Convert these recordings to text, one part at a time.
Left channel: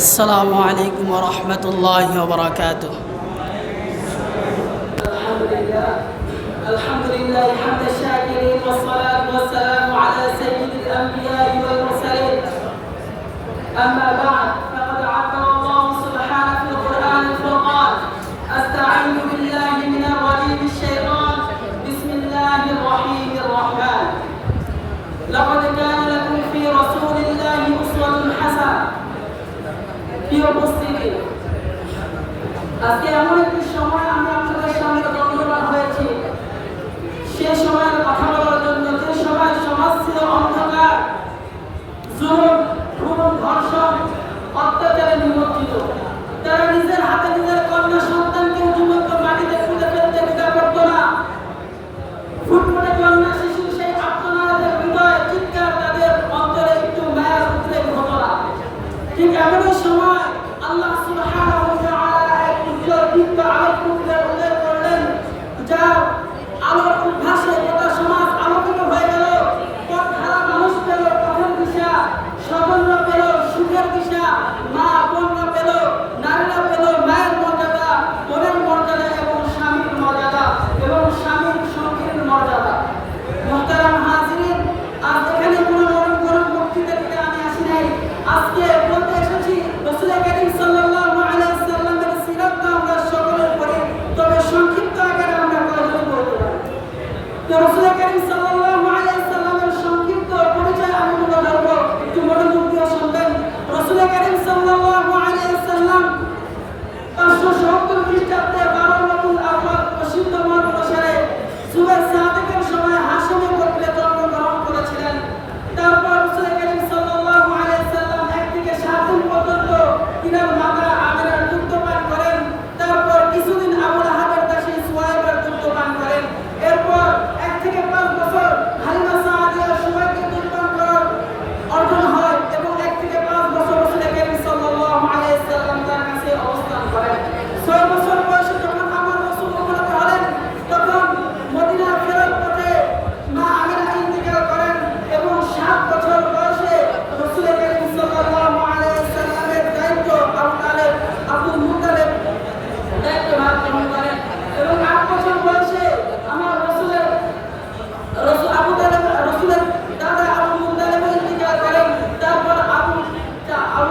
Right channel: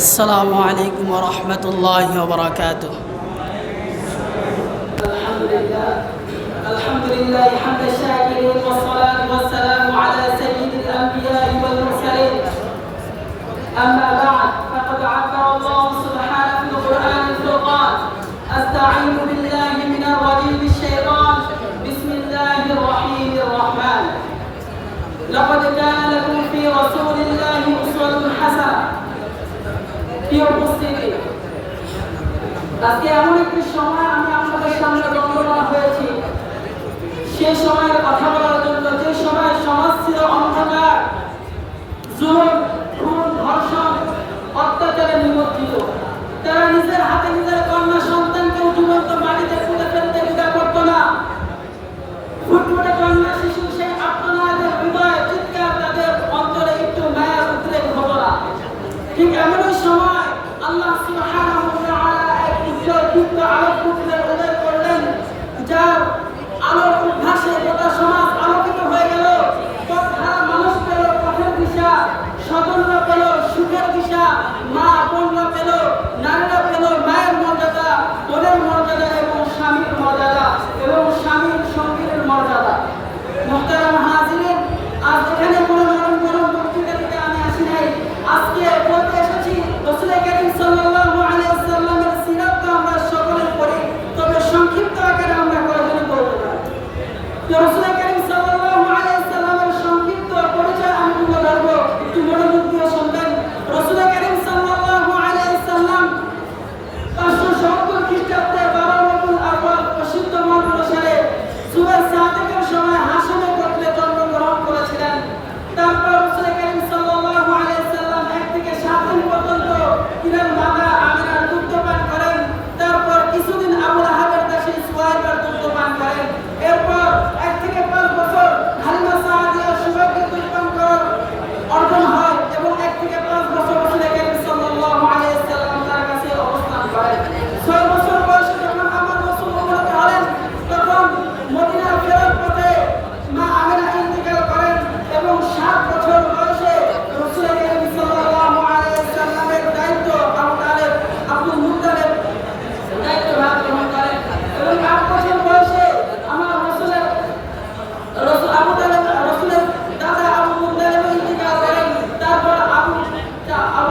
السلام عليكم ورحمة الله وبركاته. الحمد لله حمد الشاكرين والصلاة والسلام على سيد الأنبياء والمرسلين. أما بعد فقد عبر الله سبحانه في القرآن الفرقان: أستعيذ بالله من الرجيم الشيطان، بسم الله الرحيم الرحمن. لقد كان لكم في رسول الله أسوة حسنة. প্রিয় উপস্থিতি, আজকে এমন একটি সময় আমি আপনাদের সামনে দণ্ডায়মান হয়েছি, সেই সময়ের কথা বলার জন্য, যে সময় সমাজ ছিল অন্ধকার, জুলুম, খুন, ধর্ষণ, অত্যাচারে নিমজ্জিত। তারা নিজের হাতে নিজের কন্যা সন্তানকে জীবন্ত মাটিতে পুঁতে ফেলতে দ্বিধা করত না। ফুটফুটে কন্যা শিশু সেই আত্মনাদের হৃদয় চিৎকার, তাদের অন্তরে একটু মায়া উদ্রেক হতো না। ঠিক এমনই সময় আল্লাহ সুবহানাহু ওয়া তাআলা একটি দীপ্ত আলোক পুঞ্জের উদয় করলেন, যার আলোর উদ্ভাসে গোটা সমাজ আলোকিত হয়ে গেল। পথহারা মানুষ পেল পথের দিশা, স্বজনরা পেল সুখের দিশা, মা বোনরা পেল, নারীরা পেল মায়ের মর্যাদা, বোনের মর্যাদা এবং স্বামীর মর্যাদা এবং স্বামীর সঙ্গীর মর্যাদা। মুহতারাম হাজিরিন, আজ এখানে কোনো নরম গরম বক্তৃতা দিতে আমি আসি নাই। আজকে বলতে এসেছি রাসূল কারীম সাল্লাল্লাহু আলাইহি সাল্লামের সিরাত তো আমরা সকলে পড়ি, তবে সংক্ষিপ্ত আকারে আমরা কয়েকজন বলবো না। তো রাসূল কারীম সাল্লাল্লাহু আলাইহি সাল্লামের সংক্ষিপ্ত পরিচয় আমি তুলে ধরবো, একটু মনোযোগ দিয়ে শুনবেন। রাসূল কারীম সাল্লাল্লাহু আলাইহি সাল্লাম 570 খ্রিস্টাব্দে 12 রবিউল আউয়াল প্রসিদ্ধ মাস অনুসারে সুবাহ সাদেকের সময় হাশেমে গোত্রে জন্মগ্রহণ করেছিলেন। তারপর রাসূল কারীম সাল্লাল্লাহু আলাইহি সাল্লাম 1 থেকে 7 দিন পর্যন্ত তিনার মাতা আমিনার দুগ্ধ পান করেন। তারপর কিছুদিন আবু লাহাবের দাসী সুহাইবের দুগ্ধ পান করেন। এরপর 1 থেকে 5 বছর হালিমা সাদিয়ার সৌভাগ্যের দুধ পান করার অর্জন হয় এবং 1 থেকে 5 বছর রাসূল কারীম সাল্লাল্লাহু আলাইহি সাল্লাম তার কাছে অবস্থান করেন। 6 বছর বয়সে যখন আমার রাসূল উম্মত হলেন, তখন মদিনা ফেরার পথে মা আমিনা ইন্তেকাল করেন এবং 7 বছর বয়সে রাসূল কারীম সাল্লাল্লাহু আলাইহি সাল্লামের দায়িত্ব আব্দুল মুত্তালিব দায়িত্ব ভাগ গ্রহণ করেন এবং 8 বছর বয়সে আমার রাসূলের দাদা আবু মুত্তালিব ইন্তেকাল করেন। তারপর আবু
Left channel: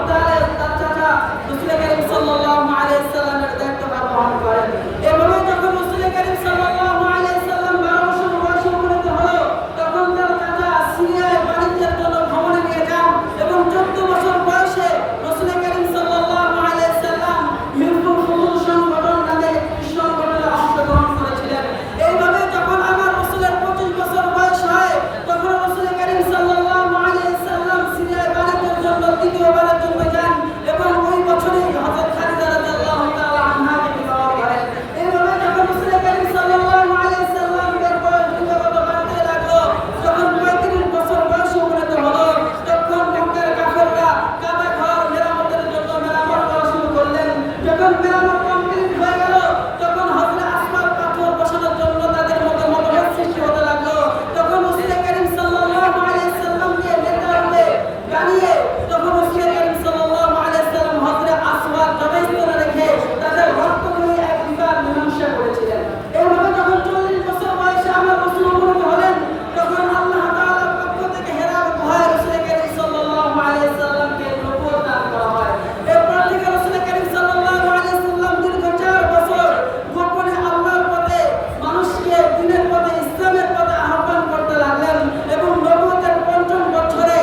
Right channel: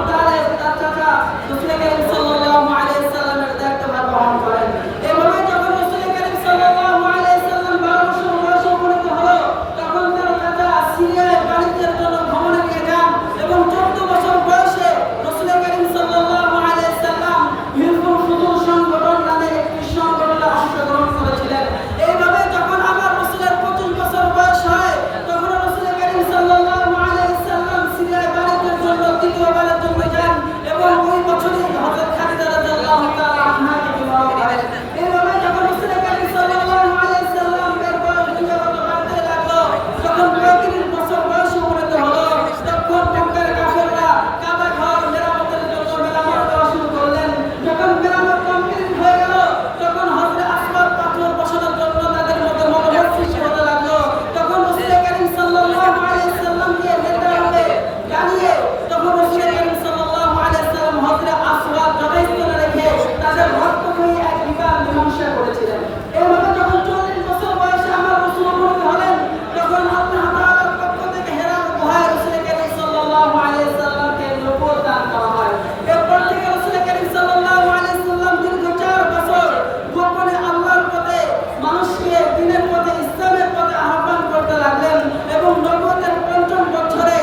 তালেব তার চাচা রাসূল কারীম সাল্লাল্লাহু আলাইহি সাল্লামের দায়িত্ব ভাগ গ্রহণ করেন। এভাবে যখন রাসূল কারীম সাল্লাল্লাহু আলাইহি সাল্লাম 12 বছর বয়সে উপনীত হলো, তখন তার চাচা সিরিয়ায় বাণিজ্যের জন্য ভ্রমণে গিয়ে যান এবং 14 বছর বয়সে রাসূল কারীম সাল্লাল্লাহু আলাইহি সাল্লাম হিজবুল ফুজুল সংগঠন নামে একটি সংগঠনে অংশগ্রহণ করেছিলেন। এইভাবে যখন আমার রাসূলের 25 বছর বয়স হয়, তখন রাসূল কারীম সাল্লাল্লাহু আলাইহি সাল্লাম সিরিয়ায় বাণিজ্যের জন্য দ্বিতীয়বারের জন্য যান এবং ওই বছরই হযরত খাদিজা রাদিয়াল্লাহু তাআলা আনহাকে বিবাহ করেন। এইভাবে যখন রাসূল কারীম সাল্লাল্লাহু আলাইহি সাল্লামের বয়স যুগত বাড়তে লাগলো, যখন 35 বছর বয়সে উপনীত হলো, তখন মক্কার কাফেররা কাবা ঘর মেরামতের জন্য মেরামত করা শুরু করলেন। যখন মেরামত কমপ্লিট হয়ে গেল, তখন হযরত আসবাব পাথর বসানোর জন্য তাদের মধ্যে মনোভাব সৃষ্টি হতে লাগলো। তখন রাসূল কারীম সাল্লাল্লাহু আলাইহি সাল্লামকে নেতা রূপে বানিয়ে তখন রাসূল কারীম সাল্লাল্লাহু আলাইহি সাল্লাম হযরত আসবাব জবাইস্থলে রেখে তাদের রক্তময়ী এক বিবাহ মীমাংসা করেছিলেন। এইভাবে যখন 40 বছর বয়সে আমার রাসূল উপনীত হলেন, তখন আল্লাহ তাআলার পক্ষ থেকে হেরার গুহায় রাসূল কারীম সাল্লাল্লাহু আলাইহি সাল্লামকে নবুয়ত দান করা হয়। এরপর থেকে রাসূল কারীম সাল্লাল্লাহু আলাইহি সাল্লাম দীর্ঘ 4 বছর গোপনে আল্লাহর পথে মানুষকে দ্বীনের পথে, ইসলামের পথে আহ্বান করতে লাগলেন এবং নবুয়তের 5ম বছরে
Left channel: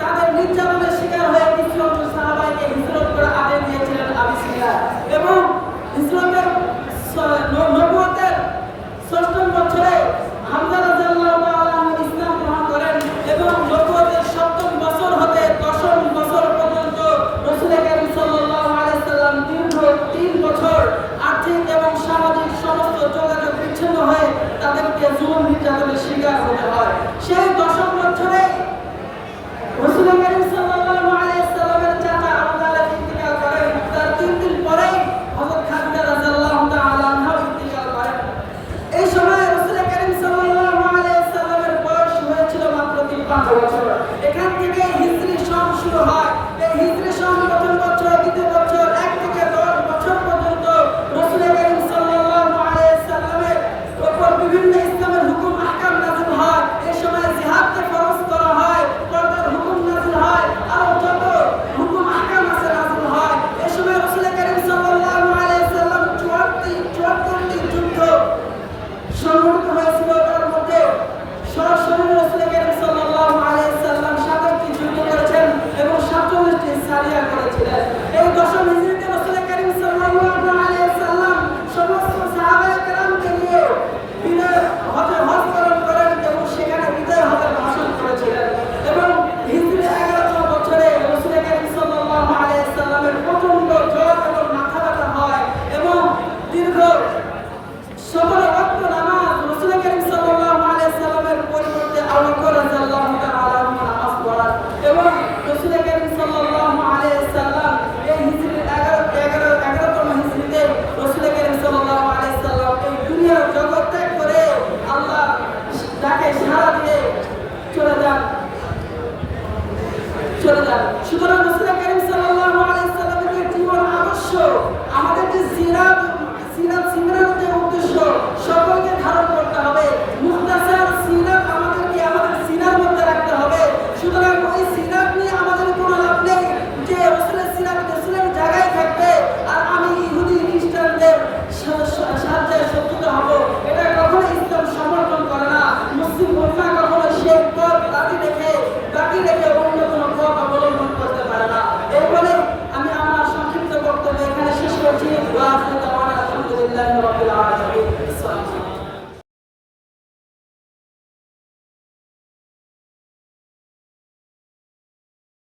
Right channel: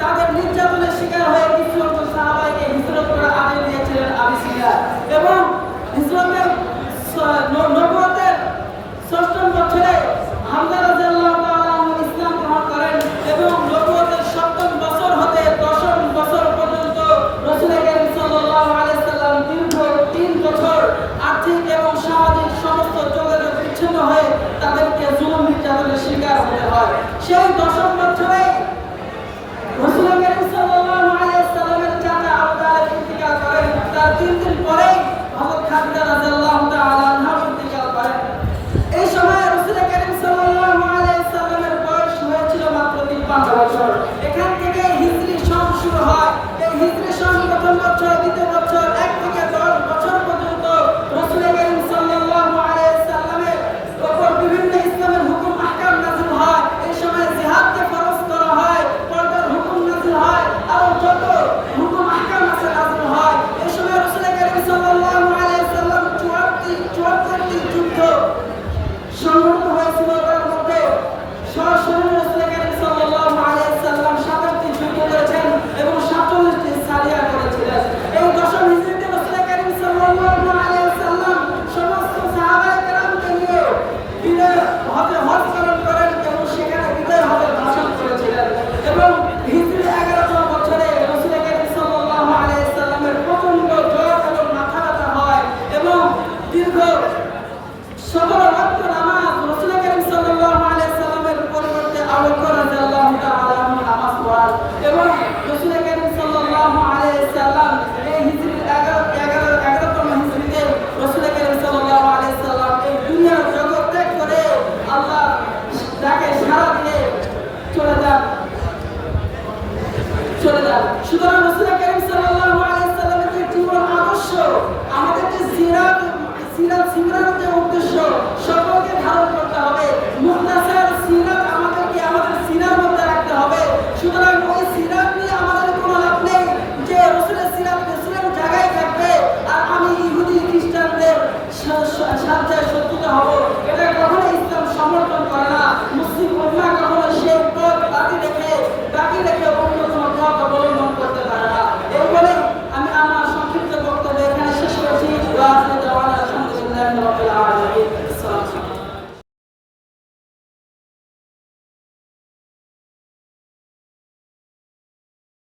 তাদের নির্যাতনের শিকার হয়ে কিছু সাহাবাকে হিজরত করে আদেশ দিয়েছিলেন আবিসিনিয়া এবং ইসলামের নবুয়তের 6ম বছরে হামজা রাদিয়াল্লাহু তাআলা আনহু ইসলাম গ্রহণ করেন এবং নবুয়তের 7ম বছর হতে 10ম বছর পর্যন্ত রাসূল কারীম সাল্লাল্লাহু আলাইহি সাল্লাম দীর্ঘ 3 বছর আর্থিক এবং সামাজিক সমস্ত যোগাযোগ বিচ্ছিন্ন হয়ে তাদেরকে জুলুম নির্যাতনের শিকার হতে হয়। সেই 10ম বছরে রাসূল কারীম সাল্লাল্লাহু আলাইহি সাল্লামের চাচা আবু তালেব ইন্তেকাল করেন। তার 3 দিন পরেই হযরত খাদিজা রাদিয়াল্লাহু তাআলা আনহা ইন্তেকাল করেন। এই সময় রাসূল কারীম সাল্লাল্লাহু আলাইহি সাল্লামের বয়স হয়েছিল মাত্র 53 বছর। এখান থেকে হিজরি সন শুরু হয়। এই হিজরি সন প্রথম বছর সুতরাং রাসূল কারীম সাল্লাল্লাহু আলাইহি সাল্লামের যে জীবন আদর্শ আমাদের যে সিরাত সিরাত